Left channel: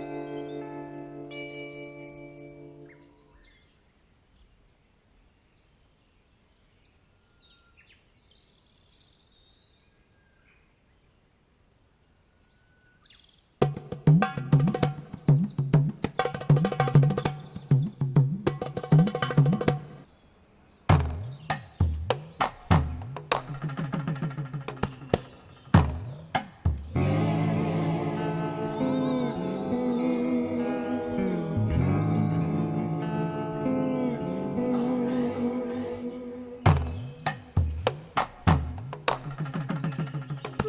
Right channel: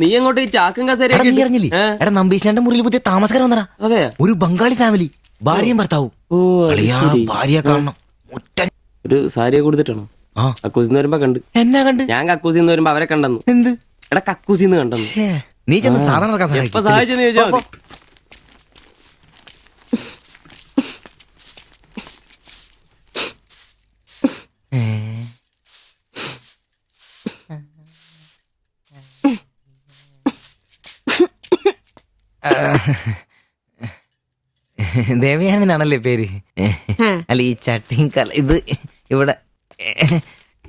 നീ അങ്ങോട്ട് ഈ ചാക്കും എടാ, നീ കസേരയൊക്കെ അറിഞ്ഞില്ലേ? എടാ നമ്പീശന്റെ മുറിയിൽ പുതിയ താമസക്കാരൻ വന്നടാ. അതെ. ഒരു ബംഗാളി ഫാമിലി, ഭാര്യയും ഭർത്താവും. ഓ അത് അളിയാ, ശരി. ഭാര്യയെ കാണണം. മുറ്റ ഒരു സാരിയെ കൊടുത്തിട്ടാണോ? ആ. കക്കൂസിന്ന് വരുമ്പോ കണ്ട്. എന്നാ കണ്ട്? ഞാൻ കക്കൂസിന്ന് വരുമ്പോ അവരെ കണ്ടെന്നു. എന്ത്? എടാ കക്കൂസിന്ന് കണ്ടെന്നു. ഛേ, നീ ചെന്ന് സാധനം ഇറക്കാൻ സഹായിക്ക്. എപ്പോ സഹായിച്ചെന്ന് ചോദിച്ചാ മതി. ദേവയാനി എന്നാണല്ലേ പേര്? അല്ല ഈ ചട്ടിയും കല ഇത് ഇവിടെ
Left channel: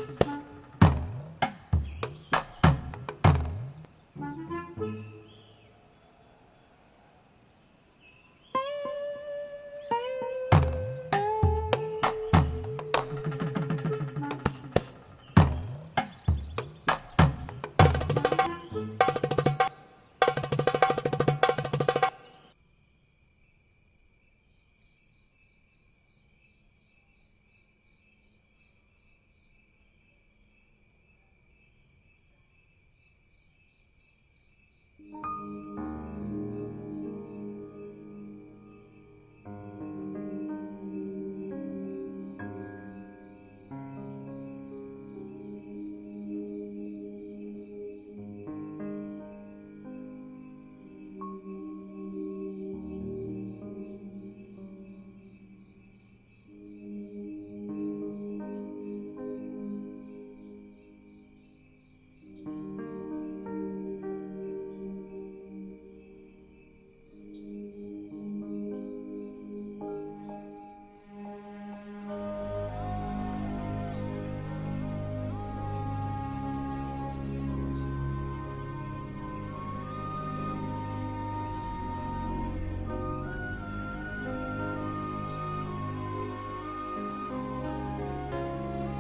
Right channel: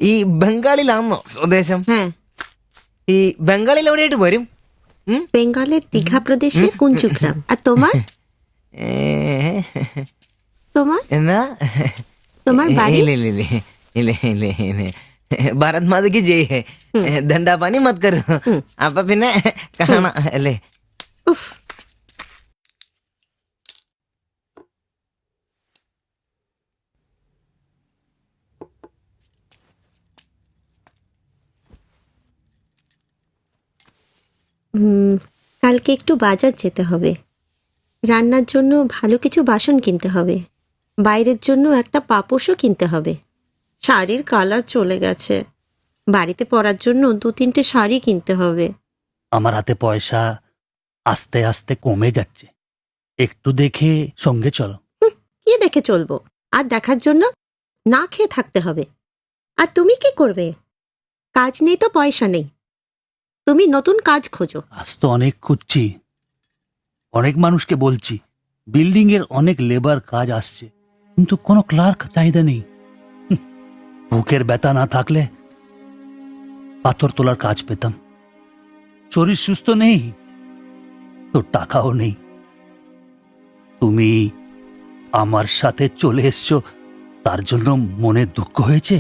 ഈ ബംഗാളിലാണോ സ്വദേശം? ഈ ബംഗാളിൽ എവിടെയായിട്ട് വരും? বেঙ্গলের দীঘা প্রদেশের কুঞ্জগ্রাম। আর তোমার তোমার എന്നാ তোমার বাড়ি? ഇല്ല ഇല്ല ഇല്ല ഇല്ല ഇല്ല ഇല്ല ഭാരത് മാതയ്ക്ക് ജയ് ഹേ. ദണ്ഡാപാനി മത് കരോ. അപ്പൊ പിന്നെ കാണാം അല്ലേ? কালকে একটু বাজার যেতে হবে, রান্নার জন্য ভালো কিছু বাসন কিনতে হবে, বাইরের জন্য একটা পাপোশও কিনতে হবে। শাড়ির কালার চলে গেছে, বাড়িতে পরার জন্য 2-3টে শাড়ি কিনতে হবে। আমার হাতে পয়সা আস্তে আস্তে কমে যাচ্ছে, একটু দেখে সঙ্গে চলো। কি দেখে চলবো? আর দেখার জন্য না খেয়ে থাকতে হবে। আর তুমি কি করবে? কাজ নেই তো পয়সা নেই, তুমি নতুন কাজ খোঁজো। আজ তো অনেক খুঁজছি, অনেক মানুষকে বলছি, বিল্ডিং এর অনেক লেবার কাজ আসছে, কিন্তু কোনো ক্লার্ক চাহিদা নেই। বুকের ব্যথা না থাকলে পাথর তোলার কাজ পেতাম। শরীর সুস্থ নেই তো টাকাও নেই। তুমি আমার সাথে চলে এসছো, তার জন্য মনে দুঃখ হয়েছে?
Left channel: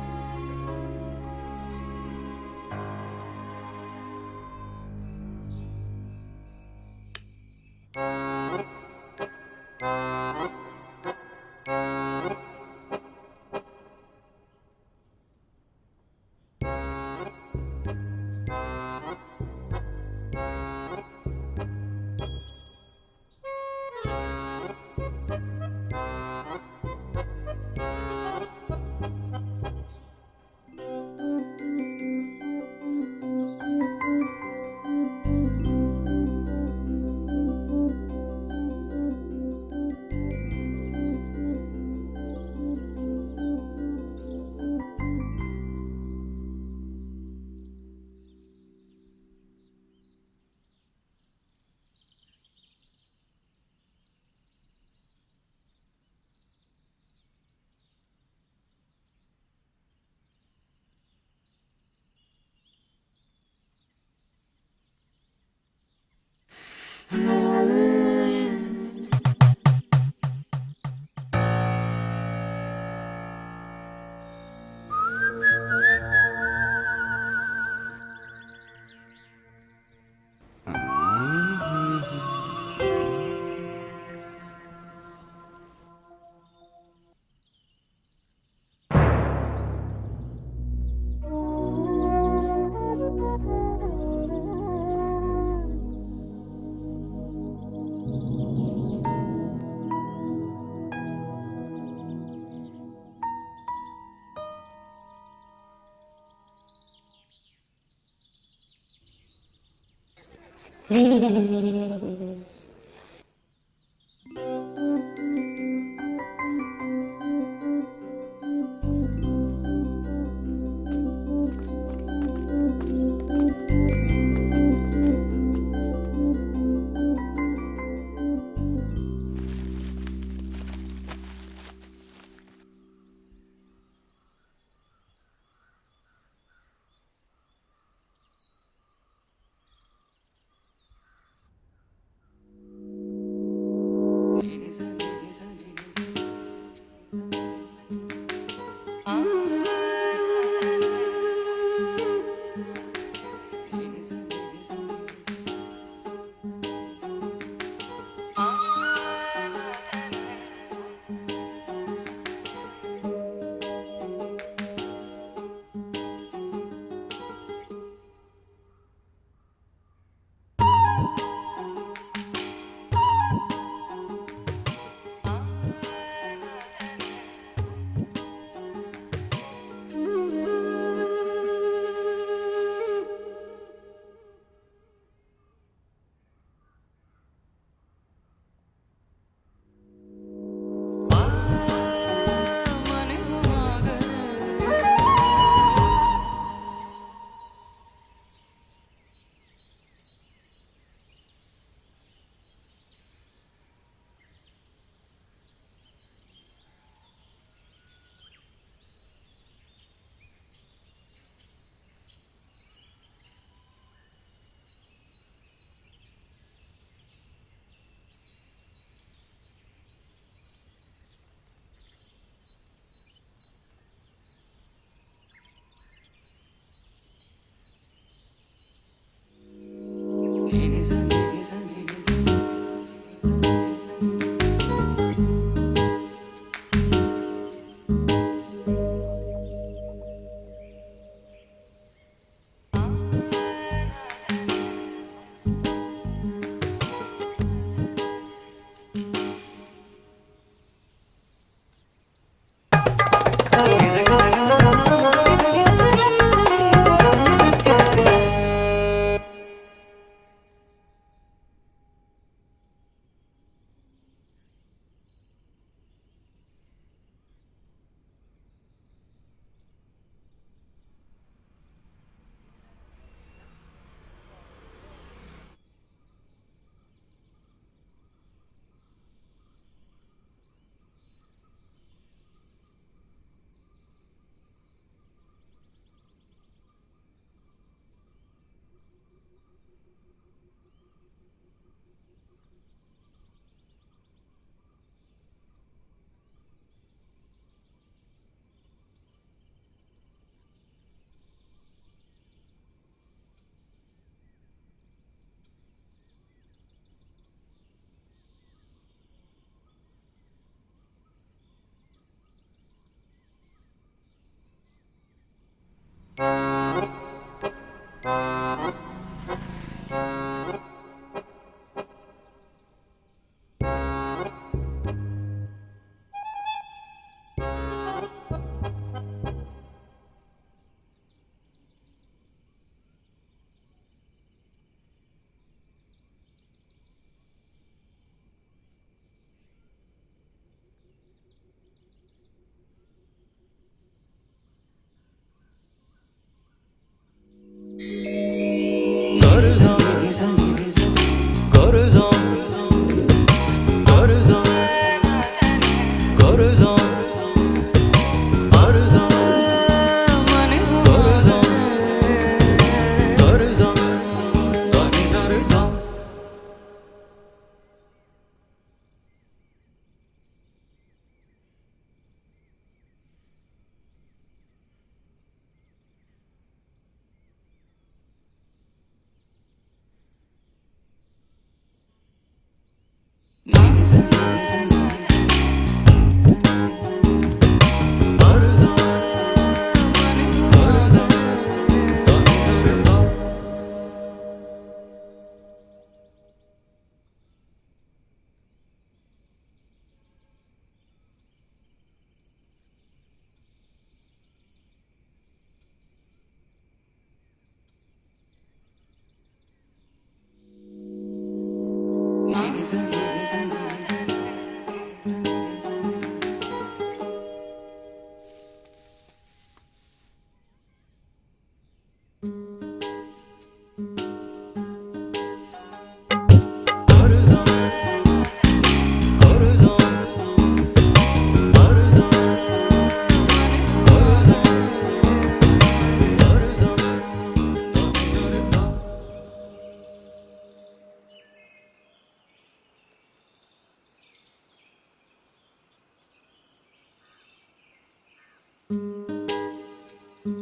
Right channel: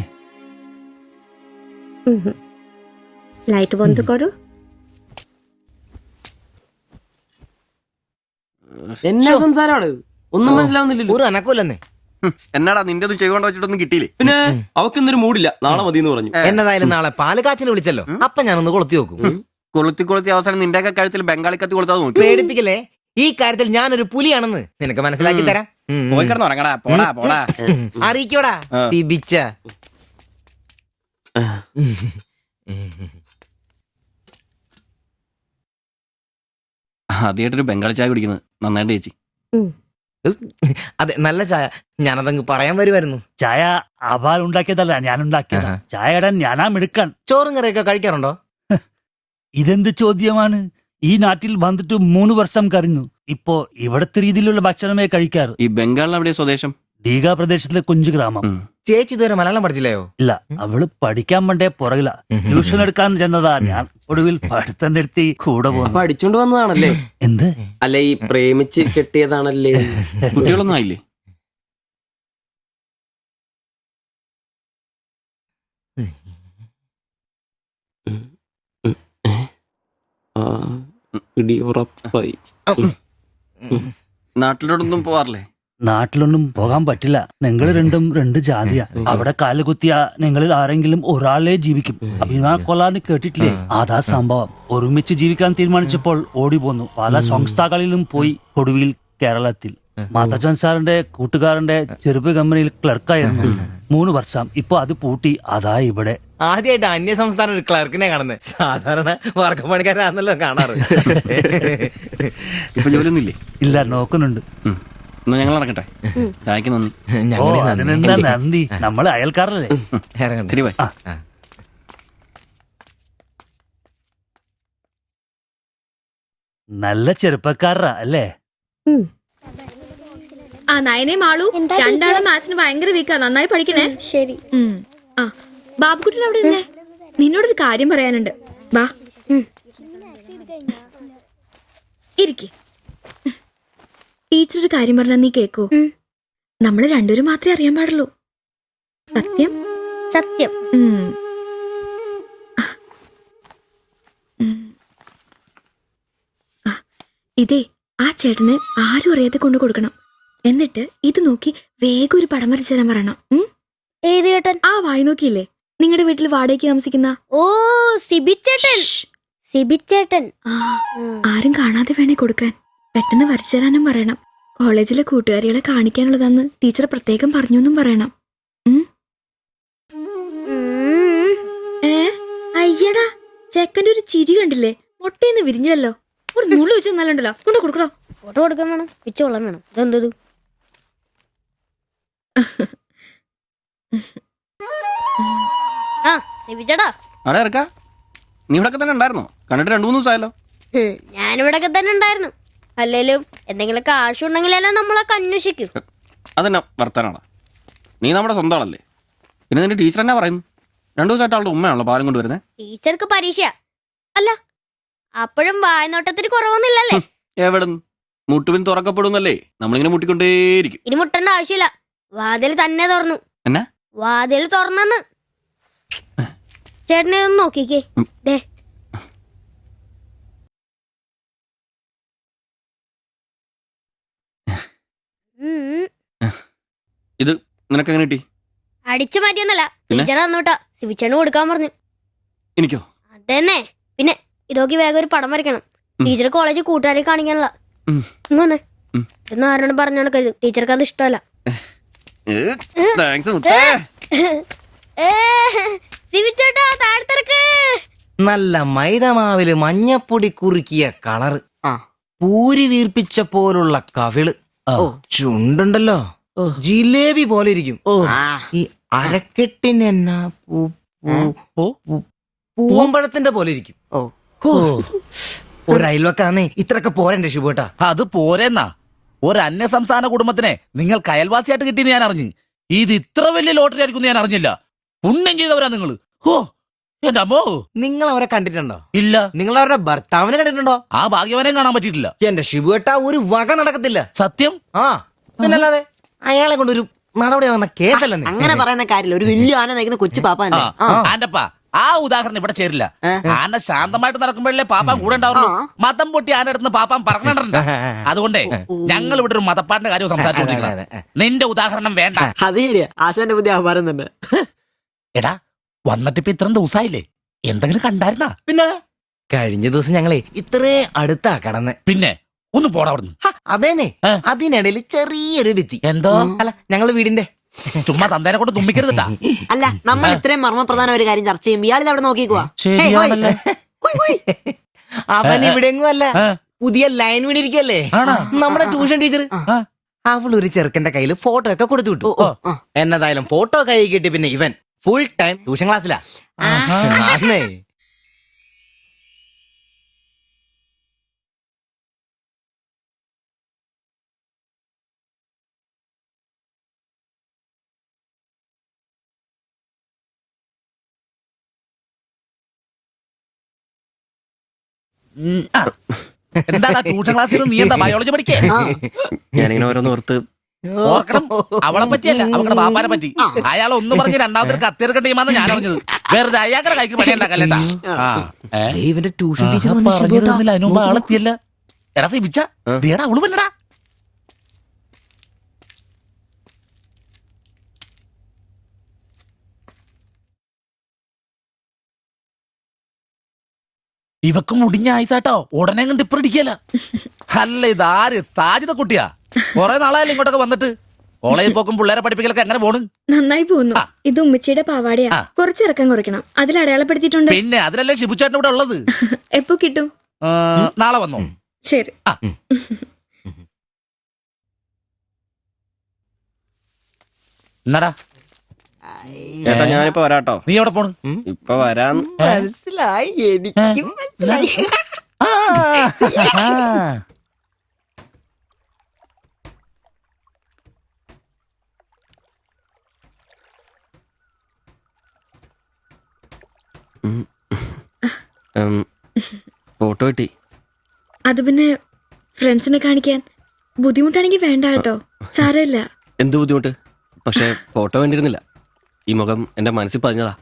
লাইট বন্ধ করো। എന്നാ സംസാരമാണ്? ഒന്നും മനസ്സിലാവുന്നില്ലല്ലോ. ഒരു അനക്കൂലെന്ന്. എന്നാടാ നിന്റെ ഒന്നും ചെയ്തുകൊണ്ട് വെച്ചിട്ടൊന്നും കിട്ടിയില്ലേ? പിന്നെ അവക്കൊന്നൊരു മൂടില്ല, നാളെ മതി എന്ന് പറഞ്ഞു. എന്നതായാലും നാളെ പാല് കാച്ചിന് വിളിച്ചല്ലോ, അപ്പൊ ഞാനൊന്ന് കൊളുത്തി നോക്കും. കൊളുത്തി അവസാനം നിന്റെയൊക്കെ കഴുത്തിൽ ബംഗാളി കത്തി കൊടുത്താൽ നോക്കി. പേടിപ്പിക്കല്ലേ, ഈ കാര്യത്തിൽ ഞാനൊരു പുലിയാണെന്ന് നിനക്ക് മനസ്സിലാക്കി തരാം. പോയി കിടന്ന് ഉറങ്ങടാ, പോടാ പോടാ. അറിയിക്കോടാ തിബിച്ച. ആദ്യമായിട്ടൊരു ബംഗാളി ചായ കുടിക്കുന്നത് നന്നായിട്ട് ചേച്ചി. അതെ, നല്ല ചായ. ഞാനതങ്ങ് പറയാൻ വരുമായിരുന്നു. ചായ അപാൽ ഉണ്ടാക്കിയതല്ല, ഞാൻ ഉണ്ടാക്കിയതാ. ചായ ഇടാൻ ഞാനാ മിടുക്കാൻ. ചോറും കറിയൊക്കെ കഴിക്കാറുണ്ടോ? ഇതെന്ത് ചോദ്യമാണ്? ഈ നാട്ടിൽ വന്നിട്ട് 3 വർഷം കഴിഞ്ഞു. ഇപ്പോ ഇവിടത്തെ രീതിയിലുള്ള ഭക്ഷണമേ കഴിക്കാറ്. ഈ ബംഗാളിൽ എവിടെയാ സ്വദേശം? ഡീഗ പ്രദേശത്തിലെ കുഞ്ചു ഗ്രാമം. ചേച്ചി ഇതുവരെ മലയാളം പഠിച്ചില്ലയോ? ഇല്ല, അവള് പഠിക്കാൻ വേണ്ടേ പുറകില. ട്യൂഷൻ എടുക്കാൻ ചെന്നതാ. ഞാൻ ഒടുവിൽ പഠിത്തം നിർത്തി കൂടെ പോകുന്നു. പഠിച്ചോണ്ട് വന്നതാണല്ലേ? എന്ത്? അല്ല, ഈ പ്രേമിച്ച് കെട്ടിയതാണല്ലേ? കുട്ടികളൊന്നും ആയില്ലേ? പിടി ഉറപ്പായി. നാട്ടിലോട്ടൊന്നും പോവാറില്ലേ? നാട്ടിലൊന്നും പോകാൻ പറ്റില്ല. നിങ്ങൾ രണ്ടും 2 ജാതിയാ. അവിടെ കാലുകുത്തിയ നിങ്ങളിൽ ആരെങ്കിലും ഒരാളെ ജീവിക്കും. അഭിമാന കൊല്ലാന്ന് കേട്ടിട്ടില്ലേ? അതാ സംഭവം. ഒരുമിച്ച് ജീവിക്കാൻ തീരുമാനിച്ചപ്പോൾ ഓടി പോന്നു. പല സംസ്ഥാകളിലും പോയി. ഒടുവിൽ കേരളത്തിൽ മാതച്ചൻ സാറിന്റെ കൂട്ടുകാരന്റെ ചെറുപ്പ് കമ്പനിയിൽ ക്ലർക്കായിരുന്നു 3 വർഷം. ഇപ്പൊ അത് പൂട്ടി. അതാ ഇവിടെ. ആദ്യമായിട്ട് അന്യ സംസ്ഥാന ഒരു ക്ലർക്കിനെ കാണുന്നത്. സാധാരണ വർക്കപ്പണിക്കാരാണല്ലോ കാണാറ്. ഇപ്പൊ ജോലിയൊന്നും ഇല്ലേ? ഇല്ല, നോക്കുന്നുണ്ട്. എന്നാ ഞങ്ങൾ ഇറങ്ങട്ടെ. ചായക്ക് നന്ദി. ഓ, അതിനെന്താ നന്ദി, നമ്മള് അയൽക്കാരല്ലേ. ശരി ബൈ. നല്ല ചെറുപ്പക്കാരാ അല്ലേ? ആ നയനയും മാളു രണ്ടാളും മാത്സിന് ഭയങ്കര വീക്കാ. നന്നായി പഠിക്കണേ. ശരി. ആ ബാബുക്കുട്ടൻ അവിടെ നിന്നേ, നിന്നോടൊരു കാര്യം പറയാനുണ്ട്. വാ ഇരിക്കെ. ടീച്ചർ ഒരു കാര്യം പറഞ്ഞാ നീ കേക്കോ? നമ്മള് രണ്ടുപേരും മാത്രമേ അറിയാൻ പാടുള്ളൂ. സത്യം സത്യം. ഇതേ ആ ചേട്ടന് ആരും അറിയാതെ കൊണ്ടു കൊടുക്കണം. എന്നിട്ട് ഇത് നോക്കി വേഗം ഒരു പടം വരച്ചു തരാൻ പറയണം. ഏത് ചേട്ടൻ? ആ വായി നോക്കിയില്ലേ, നിങ്ങളുടെ വീട്ടിൽ വാടകയ്ക്ക് താമസിക്കുന്ന? ഓ സിബി ചേട്ടൻ. സിബിച്ചേട്ടൻ. ആ, ആരും കാണാതെ വേണേ കൊടുക്കാൻ. പെട്ടെന്ന് വരച്ചു തരാനും പറയണം. കോളേജിലെ കൂട്ടുകാരികളെ കാണിക്കാനുള്ളതാന്ന് ടീച്ചർ പ്രത്യേകം പറഞ്ഞു എന്നും പറയണം. ഉം. അയ്യടാ, ചെക്കൻ്റെ ഒരു ചിരി കണ്ടില്ലേ? മുട്ടയെന്ന് വിരിഞ്ഞല്ലോ. ഒരു നുള്ളു വെച്ച് നല്ലുണ്ടല്ലോ. കൊണ്ട് കൊടുക്കണോ? ഫോട്ടോ കൊടുക്കാൻ വേണം, പിച്ചോളം വേണം. ഇതെന്തത്? ആ സിബിച്ചേട്ടാ, അവിടെ ഇറക്കാ. നീ ഇവിടെ തന്നെ ഉണ്ടായിരുന്നോ? കണ്ടിട്ട് 2-3 ദിവസമായല്ലോ. ഞാനിവിടൊക്കെ തന്നെ ഉണ്ടായിരുന്നു. അല്ലേലും എന്തെങ്കിലും കാശുണ്ടെങ്കിലല്ലേ നമ്മളൊക്കെ അന്വേഷിക്കും. അതെന്നാ വർത്താനാണ്? നീ നമ്മുടെ സ്വന്തം ആളല്ലേ. പിന്നെ നിന്റെ ടീച്ചർ എന്നാ പറയുന്നു? 2 ദിവസമായിട്ട് അവളുടെ ഉമ്മയാണല്ലോ പാലം കൊണ്ടുവരുന്നത്. ടീച്ചർക്ക് പരീക്ഷ അല്ല, അപ്പോഴും വായനോട്ടത്തിന് കുറവൊന്നുമില്ലല്ലേ? എവിടുന്ന് മുട്ടുപിൻ തുറക്കപ്പെടുന്നല്ലേ നമ്മളിങ്ങനെ മുട്ടിക്കൊണ്ടേയിരിക്കും. ഇനി മുട്ടേണ്ട ആവശ്യമില്ല, വാതിൽ തന്നെ തുറന്നു. എന്നാ വാതിൽ തുറന്നെന്ന്. ചേട്ടനെ ഒന്ന് നോക്കിക്കേ. ദേ, ഇത് നിനക്ക് എങ്ങനെ കിട്ടി? അടിച്ചു മാറ്റിയൊന്നല്ല, ടീച്ചർ തന്നോട്ടാ. സിബിച്ചേട്ടന് കൊടുക്കാൻ പറഞ്ഞു. എനിക്കോ? തന്നെ. പിന്നെ ഇതൊക്കെ വേഗം ഒരു പടം വരയ്ക്കണം. ടീച്ചർ കോളേജിൽ കൂട്ടുകാരെ കാണിക്കാനുള്ള. ഇങ്ങനെ എന്ന് ആരോടും പറഞ്ഞു നടക്കരുത്, ടീച്ചർക്ക് അത് ഇഷ്ടമല്ല. നല്ല മൈദമാവില് മഞ്ഞപ്പൊടി കുറുക്കിയ കളറ്, പൂരി വീർപ്പിച്ച പോലുള്ള കവിള്, ചുണ്ടുണ്ടല്ലോ ജിലേബി പോലെ ഇരിക്കും. ഈ അരക്കെട്ടിന് എന്നാ പൂവമ്പഴത്തിന്റെ പോലെ ഇരിക്കും. ഒരു അയൽവക്കാന്നേ ഇത്രയൊക്കെ പോരണ്ടേ ശുഭേട്ടാ? അത് പോരെന്നാ. ഒരു അന്യ സംസ്ഥാന കുടുംബത്തിനെ നിങ്ങൾക്ക് അയൽവാസിയായിട്ട് കിട്ടിയെന്ന് ഞാൻ അറിഞ്ഞു. ഇത് ഇത്ര വലിയ ലോട്ടറി ആയിരിക്കും ഞാൻ അറിഞ്ഞില്ല. പുണ്യം ചെയ്തവരാ നിങ്ങള്. ഓ എന്റെ അമ്മോ. നിങ്ങൾ അവരെ കണ്ടിട്ടുണ്ടോ? ഇല്ല. നിങ്ങൾ അവരുടെ ഭർത്താവിനെ കണ്ടിട്ടുണ്ടോ? ആ ഭാഗ്യവനെയും കാണാൻ പറ്റിയിട്ടില്ല. എന്റെ ശുഭേട്ടാ ഒരു വക നടക്കത്തില്ല. സത്യം. ആ പിന്നല്ലാതെ അയാളെ കൊണ്ട് ഒരു നടപടി വന്ന കേസല്ല. അങ്ങനെ പറയുന്ന കാര്യമില്ല. ഒരു വലിയ ആന നയിക്കുന്ന കൊച്ചു പാപ്പ ആന്റപ്പാ, ആ ഉദാഹരണം ഇവിടെ ചേരില്ല. ആന ശാന്തമായിട്ട് നടക്കുമ്പോഴല്ലേ പാപ്പാൻ കൂടെ ഉണ്ടാവുള്ളൂ. മതം പൊട്ടി ആന അടുത്ത് പാപ്പാൻ പറഞ്ഞിട്ടുണ്ട്. അതുകൊണ്ടേ ഞങ്ങൾ ഇവിടെ ഒരു മതപ്പാടിന്റെ കാര്യം സംസാരിച്ചോണ്ടിരിക്കണം. നിന്റെ ഉദാഹരണം വേണ്ട. അത് ശരിയാ, ആശാന്റെ പുതിയ ആഹാരം തന്നെ. എടാ, വന്നിട്ടിപ്പോ ഇത്രയും ദിവസമായില്ലേ, എന്തെങ്കിലും കണ്ടായിരുന്നാ? പിന്നെ കഴിഞ്ഞ ദിവസം ഞങ്ങളെ ഇത്രേ അടുത്താ കടന്ന്. പിന്നെ ഒന്ന് പോടാ അവിടുന്ന്. അതേനെ, അതിനിടയിൽ ചെറിയൊരു ഭിത്തി. എന്തോ? അല്ല ഞങ്ങള് വീടിന്റെ ചുമ്മാ തന്തേനെ കൊണ്ട് തുമ്മിക്കരുതാ. അല്ല, നമ്മൾ ഇത്രയും മർമ്മപ്രധാന ഒരു കാര്യം ചർച്ച ചെയ്യുമ്പോൾ ഇയാൾ അവിടെ നോക്കിക്കുവാ. ശരിയാണല്ലോ. അവൻ ഇവിടെങ്ങും അല്ല, പുതിയ ലൈൻ വീണിരിക്കല്ലേ നമ്മുടെ ട്യൂഷൻ ടീച്ചർ. അവൾ ഒരു ചെറുക്കന്റെ കയ്യിൽ ഫോട്ടോ ഒക്കെ കൊടുത്തു വിട്ടു. എന്നതായാലും ഫോട്ടോ കൈ കിട്ടി. പിന്നെ ഇവൻ ഫുൾ ടൈം ട്യൂഷൻ ക്ലാസ്സിലാ. എന്താ ട്യൂഷൻ ക്ലാസ്സിൽ നീ എന്താ ബയോളജി പഠിക്കേ? ഞാനിങ്ങനെ ഓരോന്ന് ഓർത്ത് ഓർക്കണം. അവളെ പറ്റിയല്ല, അവളുടെ ബാപ്പാനെ പറ്റി. അയാൾ ഒന്ന് പറഞ്ഞ് രണ്ടാമത്തെ കത്തിയെടുക്കേണ്ട ടീമാന്ന് ഞാൻ അറിഞ്ഞത്. വെറുതെ അയാളുടെ കൈക്ക് പണിയുണ്ടാക്കല്ലേട്ടാ. ഇവന്റെ ട്യൂഷൻ ടീച്ചർ അതിനുമ്പ് ആളെത്തിയല്ല. എടാ സിബിച്ച, ദേടാ അവള് പറ്റടാ. ഇവക്ക് മുടിഞ്ഞ ആയിസാട്ടോ, ഉടനെ കണ്ട് ഇപ്പൊ ഇടിക്കല. അല്ല ഇതാര് സാജിത കുട്ടിയാ? കൊറേ നാളായാലും ഇങ്ങോട്ടൊക്കെ വന്നിട്ട്. കോളേജിൽ പോക്കും പിള്ളേരെ പഠിപ്പിക്കലൊക്കെ എങ്ങനെ പോണു? നന്നായി പോകുന്നു. ഇത് ഉമ്മച്ചിയുടെ പാവാടയാ. കുറച്ചിറക്കം കുറയ്ക്കണം. അതിൽ അടയാളപ്പെടുത്തിയിട്ടുണ്ട്. പിന്നെ അതിലല്ലേ ഷിബുച്ചേട്ടൻ ഇവിടെ ഉള്ളത്. എപ്പോ കിട്ടും? നാളെ വന്നോ? ശരി. എന്നടാ ചേട്ടാ, ഞാനിപ്പോ വരാട്ടോ. നീ എവിടെ പോണു? ഇപ്പൊ വരാൻ. മനസ്സിലായി, എനിക്കും മനസ്സിലായി. ഫോട്ടോ കിട്ടി. അത് പിന്നെ ഫ്രണ്ട്സിനെ കാണിക്കാൻ ബുദ്ധിമുട്ടാണെങ്കിൽ വേണ്ട കേട്ടോ, സാരമില്ല. എന്ത് ബുദ്ധിമുട്ട്? പക്ഷെ ഫോട്ടോ വേണ്ടിയിരുന്നില്ല. ഈ മുഖം എന്റെ മനസ്സിൽ പതിഞ്ഞതാ.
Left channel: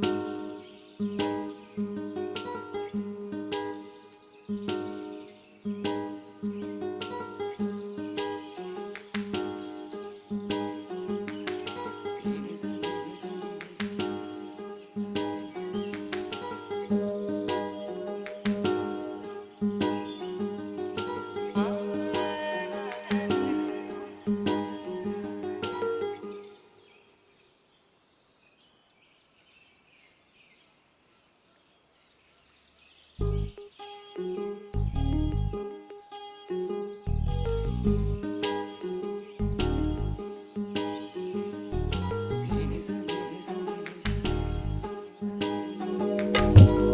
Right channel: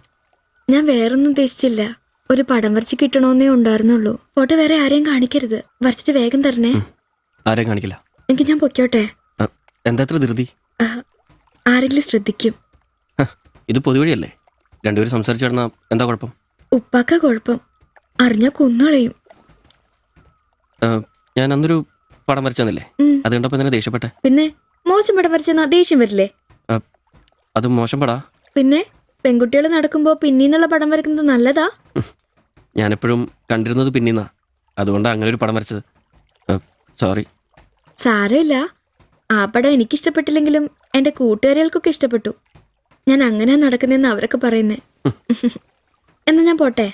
ഞാൻ വേറൊന്നും ഉദ്ദേശിച്ചില്ല. ഒരു പടം വരച്ച് കിട്ടണമെന്നേ ഉണ്ടായിരുന്നുള്ളൂ. ഫോട്ടോ വേറെ ആരെയും കാണിക്കരുത്. വരച്ചിട്ട് വേഗം തരണേ. ആരെയും കാണിക്കില്ല. എനിക്ക് ഞാൻ പൊക്കോട്ടെ? എന്താ ഇത്ര ധൃതി? ആരെങ്കിലും ശ്രദ്ധിക്കും. ഇത് പൊതുവഴിയല്ലേ, രണ്ടുപേരും സംസാരിച്ചു കിടന്നാ എന്താ കുഴപ്പം? ഉപ്പാക്ക കുഴപ്പം. അറിഞ്ഞ കൊന്നുകളയും. ഞാൻ അന്നൊരു പടം വരച്ചു തന്നില്ലേ, അത് കണ്ടപ്പോ തന്നെ ദേഷ്യപ്പെട്ടെ. പിന്നെ മോശം പടം വരച്ചെന്നാ ദേഷ്യം വരില്ലേ? അത് മോശം പടാ. പിന്നെ പെൺകുട്ടികൾ നടക്കുമ്പോ പിന്നീന്നുള്ള പടം വരക്കുന്നത് നല്ലതാ? ഞാനെപ്പോഴും കണ്ടിരുന്നത് പിന്നീന്നാ, അതുകൊണ്ടാണ് അങ്ങനെ ഒരു പടം വരച്ചത്. സോറി. സാരമില്ല. ആ പടം എനിക്കിഷ്ടപ്പെട്ടില്ലെങ്കിലും എന്റെ കൂട്ടുകാരികൾക്കൊക്കെ ഇഷ്ടപ്പെട്ടു. ഞാൻ അങ്ങനെ നടക്കുന്നെന്ന് അവരൊക്കെ പറയുന്നേ. എന്നാ ഞാൻ പോട്ടെ.